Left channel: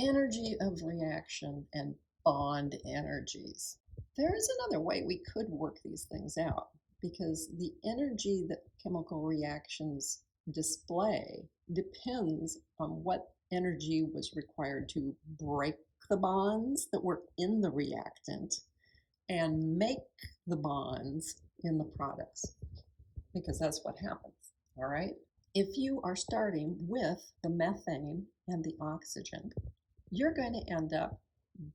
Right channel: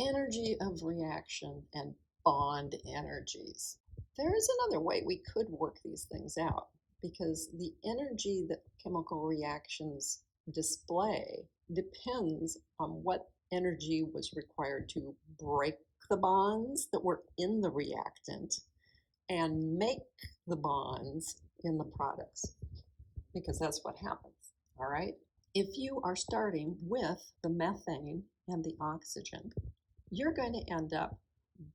energy of reaction and bond energies. There is another way we could work these things out because the energy that chemical reactions display depends on what energy was required to break the bonds that were in the reactant and make the bonds in the products, because that's what happens, all right? If you are starting with the methane and the oxygen, you're going to end up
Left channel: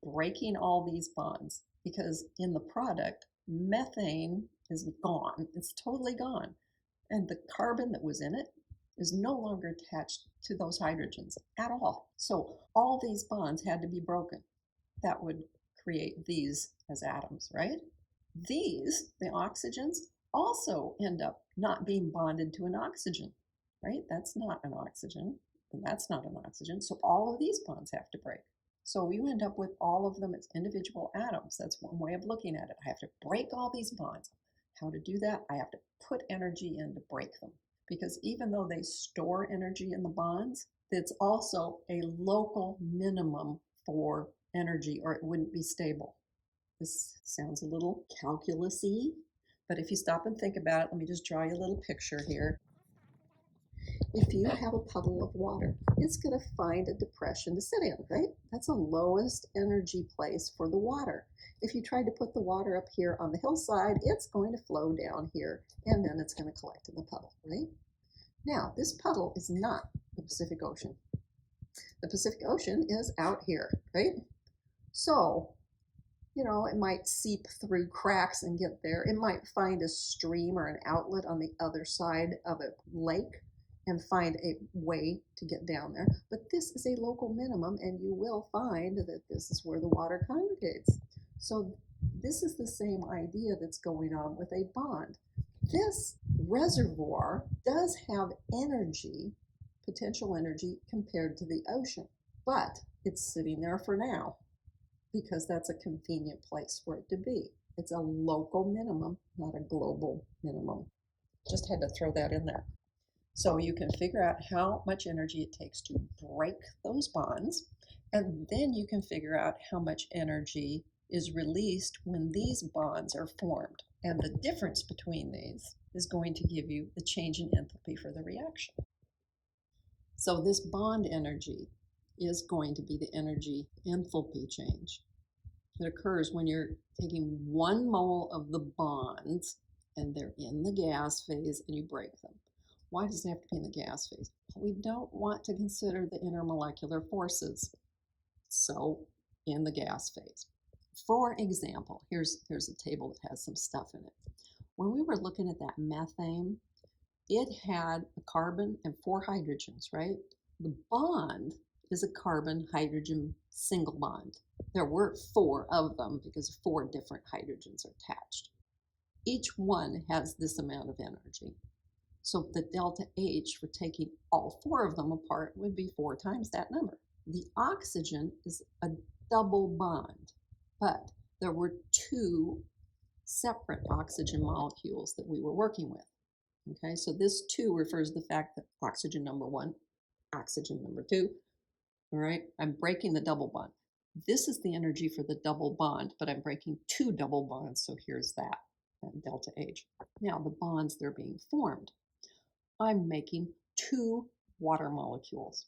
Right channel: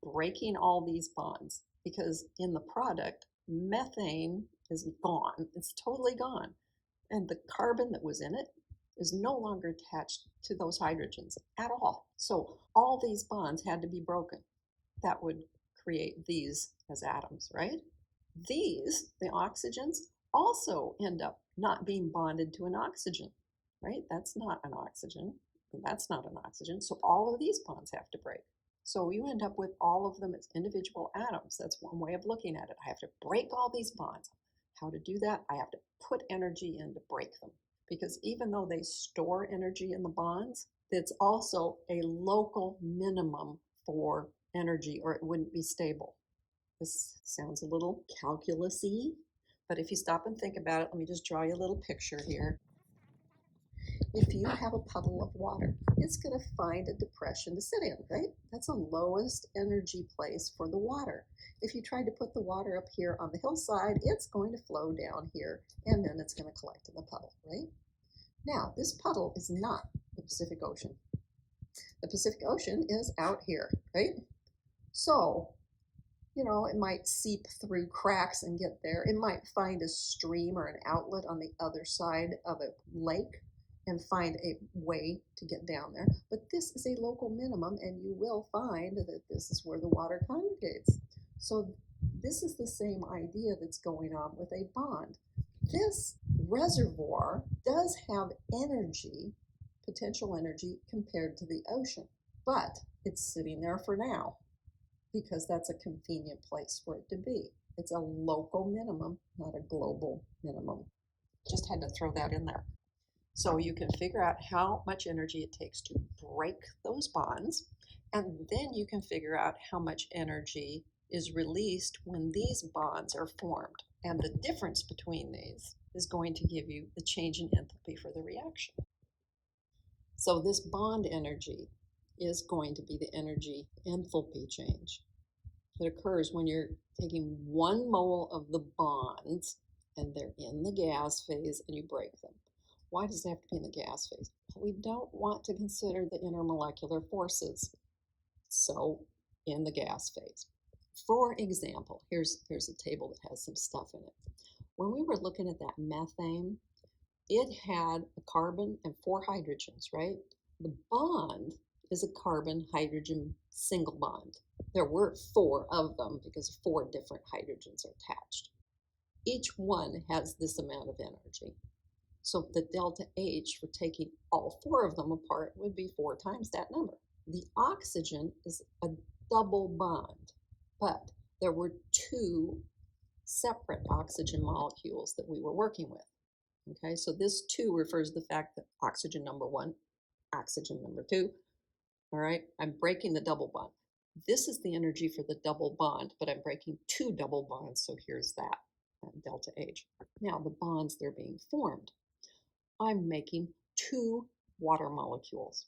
breaking all these bonds because in the product, methane is gone. It's totally gone. And the carbon that was in it is no longer attached to those hydrogens at all. So all these bonds had to be broken. That would create these as atoms, right? These, the oxygens, also end up not being bonded to an oxygen, right? That's not an oxygen, and that's not an oxygen. So all of these bonds have to break. So you end up with all of them as individual atoms. That's one way of looking at it. I have to break all these bonds. How to do that? I have to put energy in to break them. Because even though they store energy in the bonds, it's also a local minimum for energy, or it wouldn't be stable. This sounds a little calculus-y, but if you stop and think about it, let me just draw you a little picture here. If you have a puddle of water, it's going to find a depression to sit in, right? That's the lowest energy place for the water. If you tried to put the water up here on the hillside, it's going to flow down here, and then it's going to collect in the puddle, right? Now, this puddle is not the Pacific Ocean. The Pacific Ocean is out here, right? So, it might seep through cracks and get there. It might find a stream or an outlet on the other side of a lake and find a way to get down there. But this is a local minimum, and you will find that this is where the water congregates. So this is the same idea that's going on with a bond. This reservoir does have energy, potential energy, compared to the ocean, but it's sitting there for now because that's a convenient place for it to be. It's a local minimum, not a global minimum. Just had to throw that in there. So you can figure out how much energy it takes to break those bonds, and then you can figure out how much energy is released when these bonds are formed. And the difference between these is going to give you the change in enthalpy for the reaction. So this bond energy is going to be the energy enthalpy change that occurs when you're taking 1 mole of the bonds and they're in the gas phase and you break them. Why does it have to be in the gas phase? We don't want to consider the intermolecular forces, so in the gas phase. For example, here's a table that has some stuff in it. When we were looking at that methane, it had a carbon and 4 hydrogens, right? The bond is a carbon-hydrogen single bond. There were 4 of them because 4 different hydrogens are attached. Each one has this amount of energy. So the delta H for taking all 4 of them apart would be 4 times that number. The oxygen is a double bond, but there were 2 separate oxygen molecules that we were working with. Okay, so this 2 refers to the fact that oxygen number 1, oxygen number 2, all right, I'm breaking the double bond. This is the energy for the double bond, but I'm breaking 2 double bonds, so here's that delta H. Now the bonds, they're being formed. I'm making 2 water molecules.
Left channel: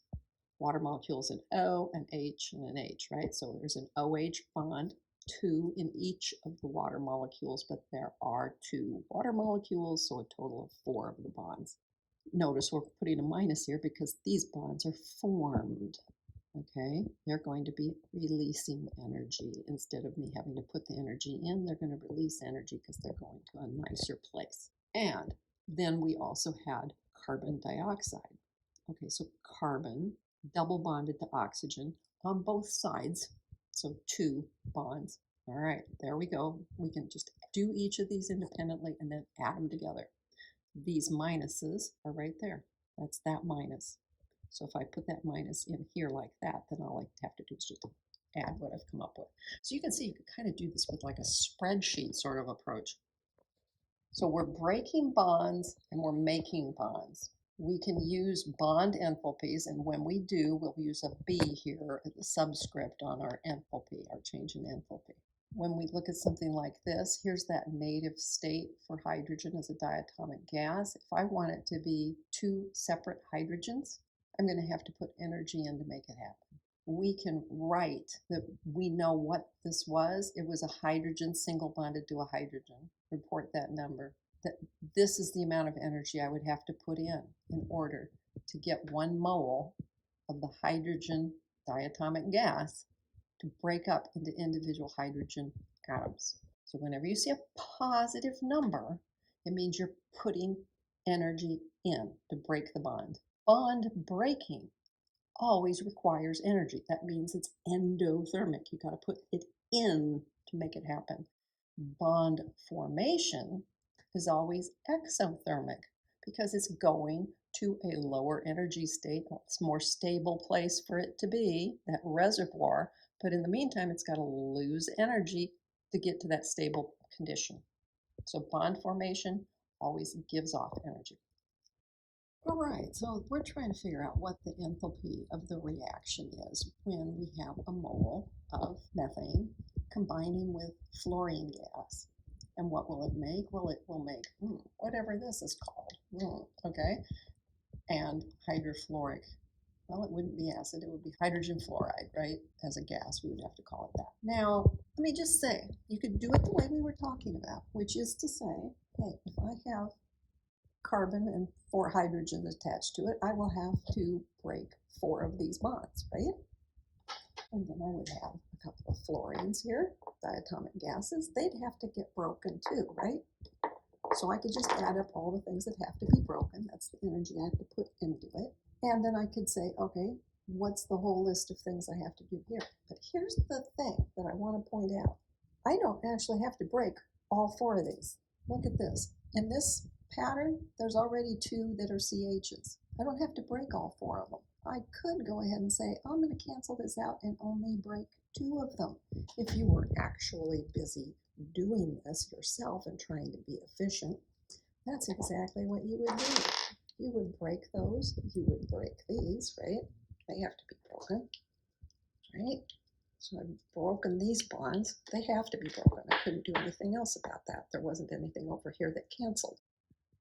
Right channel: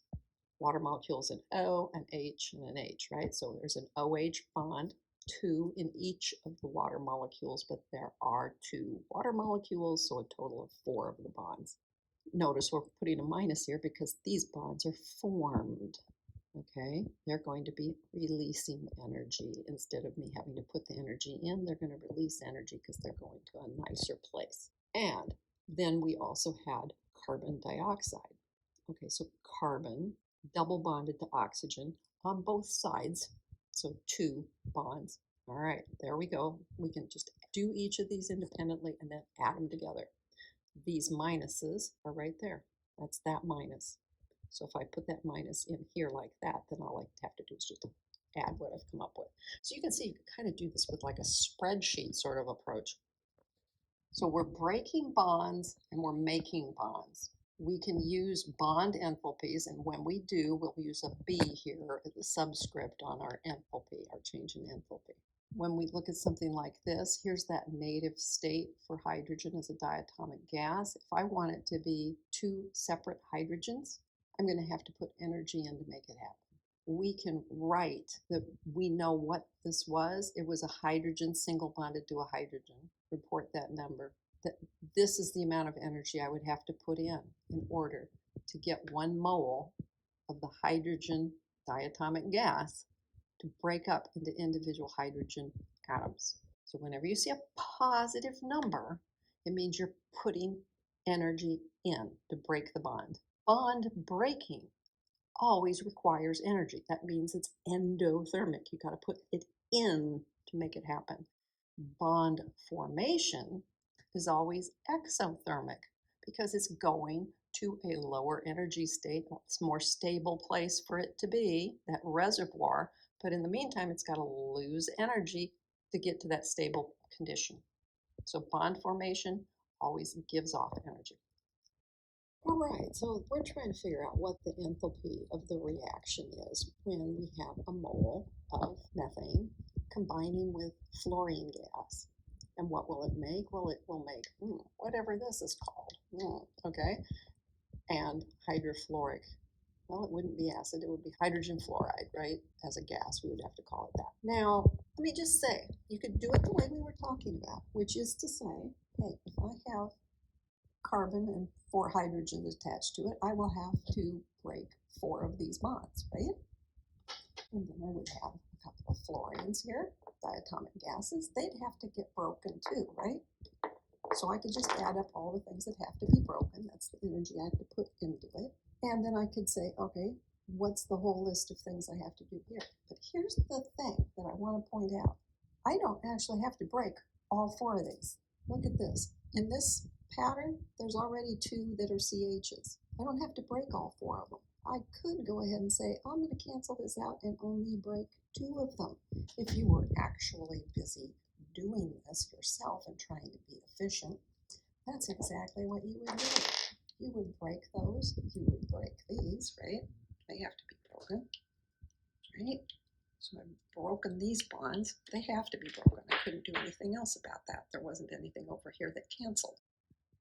Water molecules, an O, an H, and an H, right? So there's an OH bond, 2 in each of the water molecules, but there are 2 water molecules, so a total of 4 of the bonds. Notice we're putting a minus here because these bonds are formed, okay? They're going to be releasing energy. Instead of me having to put the energy in, they're going to release energy because they're going to a nicer place. And then we also had carbon dioxide. Okay, so carbon double bonded to oxygen on both sides. So 2 bonds. All right, there we go. We can just do each of these independently and then add them together. These minuses are right there. That's that minus. So if I put that minus in here like that, then all I have to do is just add what I've come up with. So you can see you can kind of do this with like a spreadsheet sort of approach. So we're breaking bonds and we're making bonds. We can use bond enthalpies, and when we do, we'll use a B here at the subscript on our enthalpy, our change in enthalpy. When we look at something like this, here's that native state for hydrogen as a diatomic gas. If I want it to be two separate hydrogens, I'm going to have to put energy in to make it happen. We can write that we know what this was. It was a hydrogen single bonded to a hydrogen. Report that number. That this is the amount of energy I would have to put in order to get 1 mole of the hydrogen diatomic gas to break up into individual hydrogen atoms. So whenever you see a positive number, it means you're putting energy in to break the bond. Bond breaking always requires energy. That means it's endothermic. You got to put it in to make it happen. Bond formation is always exothermic because it's going to a lower energy state. It's a more stable place for it to be, that reservoir, but in the meantime, it's got to lose energy to get to that stable condition. So bond formation always gives off energy. All right, so we're trying to figure out what the enthalpy of the reaction is when we have a mole of methane combining with fluorine gas. And what will it make? Well, it will make whatever this is called, okay? And hydrofluoric, well, it wouldn't be acid, it would be hydrogen fluoride, right? As a gas, we would have to call it that. Now, let me just say, you could do it the way we were talking about, which is to say, hey, if I have carbon and 4 hydrogens attached to it, I will have to break 4 of these bonds, right? And then I would have a couple of fluorines here, diatomic gases. They'd have to get broken too, right? So I could just add up all the things that have to be broken. That's the energy I have to put into it. And then I could say, okay, what's the whole list of things I have to do here? But here's the thing that I want to point out. I don't actually have to break all 4 of these. Look at this. In this pattern, there's already 2 that are CHs. I don't have to break all 4 of them. I could go ahead and say, I'm going to cancel this out and only break 2 of them. If you were actually busy doing this yourself and trying to be efficient, that's exactly what you would do. You would break those, you would break these, right? They have to be broken, right? So I've broken these bonds. They have to be broken. I couldn't do anything else about that. There wasn't anything over here that canceled.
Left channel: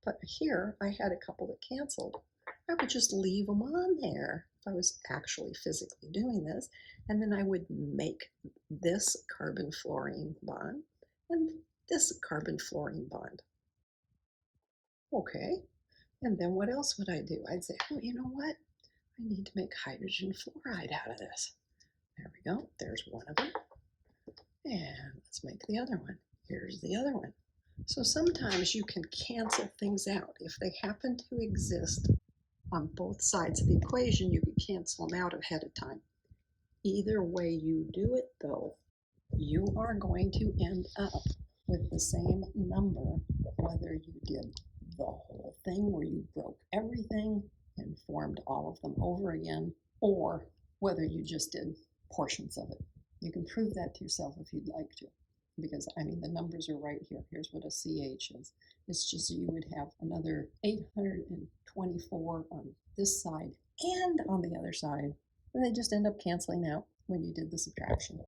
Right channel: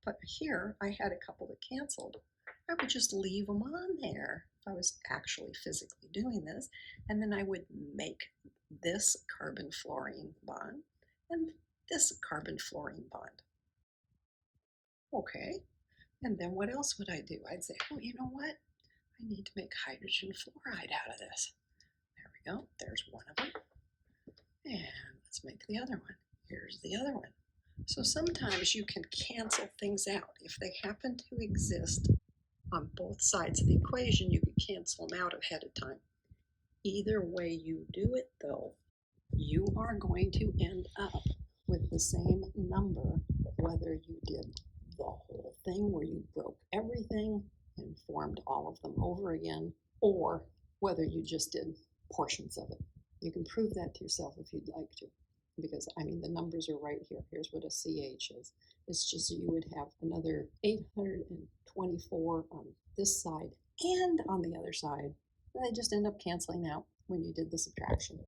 But here I had a couple that canceled. I would just leave them on there if I was actually physically doing this. And then I would make this carbon-fluorine bond and this carbon-fluorine bond. Okay, and then what else would I do? I'd say, oh, you know what? I need to make hydrogen fluoride out of this. There we go. There's one of them. And let's make the other one. Here's the other one. So sometimes you can cancel things out. If they happen to exist on both sides of the equation, you can cancel them out ahead of time. Either way you do it, though, you are going to end up with the same number, whether you did the whole thing where you broke everything and formed all of them over again, or whether you just did portions of it. You can prove that to yourself if you'd like to, because I mean the numbers are right here. Here's what a CH is. It's just you would have another 824 on this side and on the other side, and they just end up canceling out when you did the subtraction.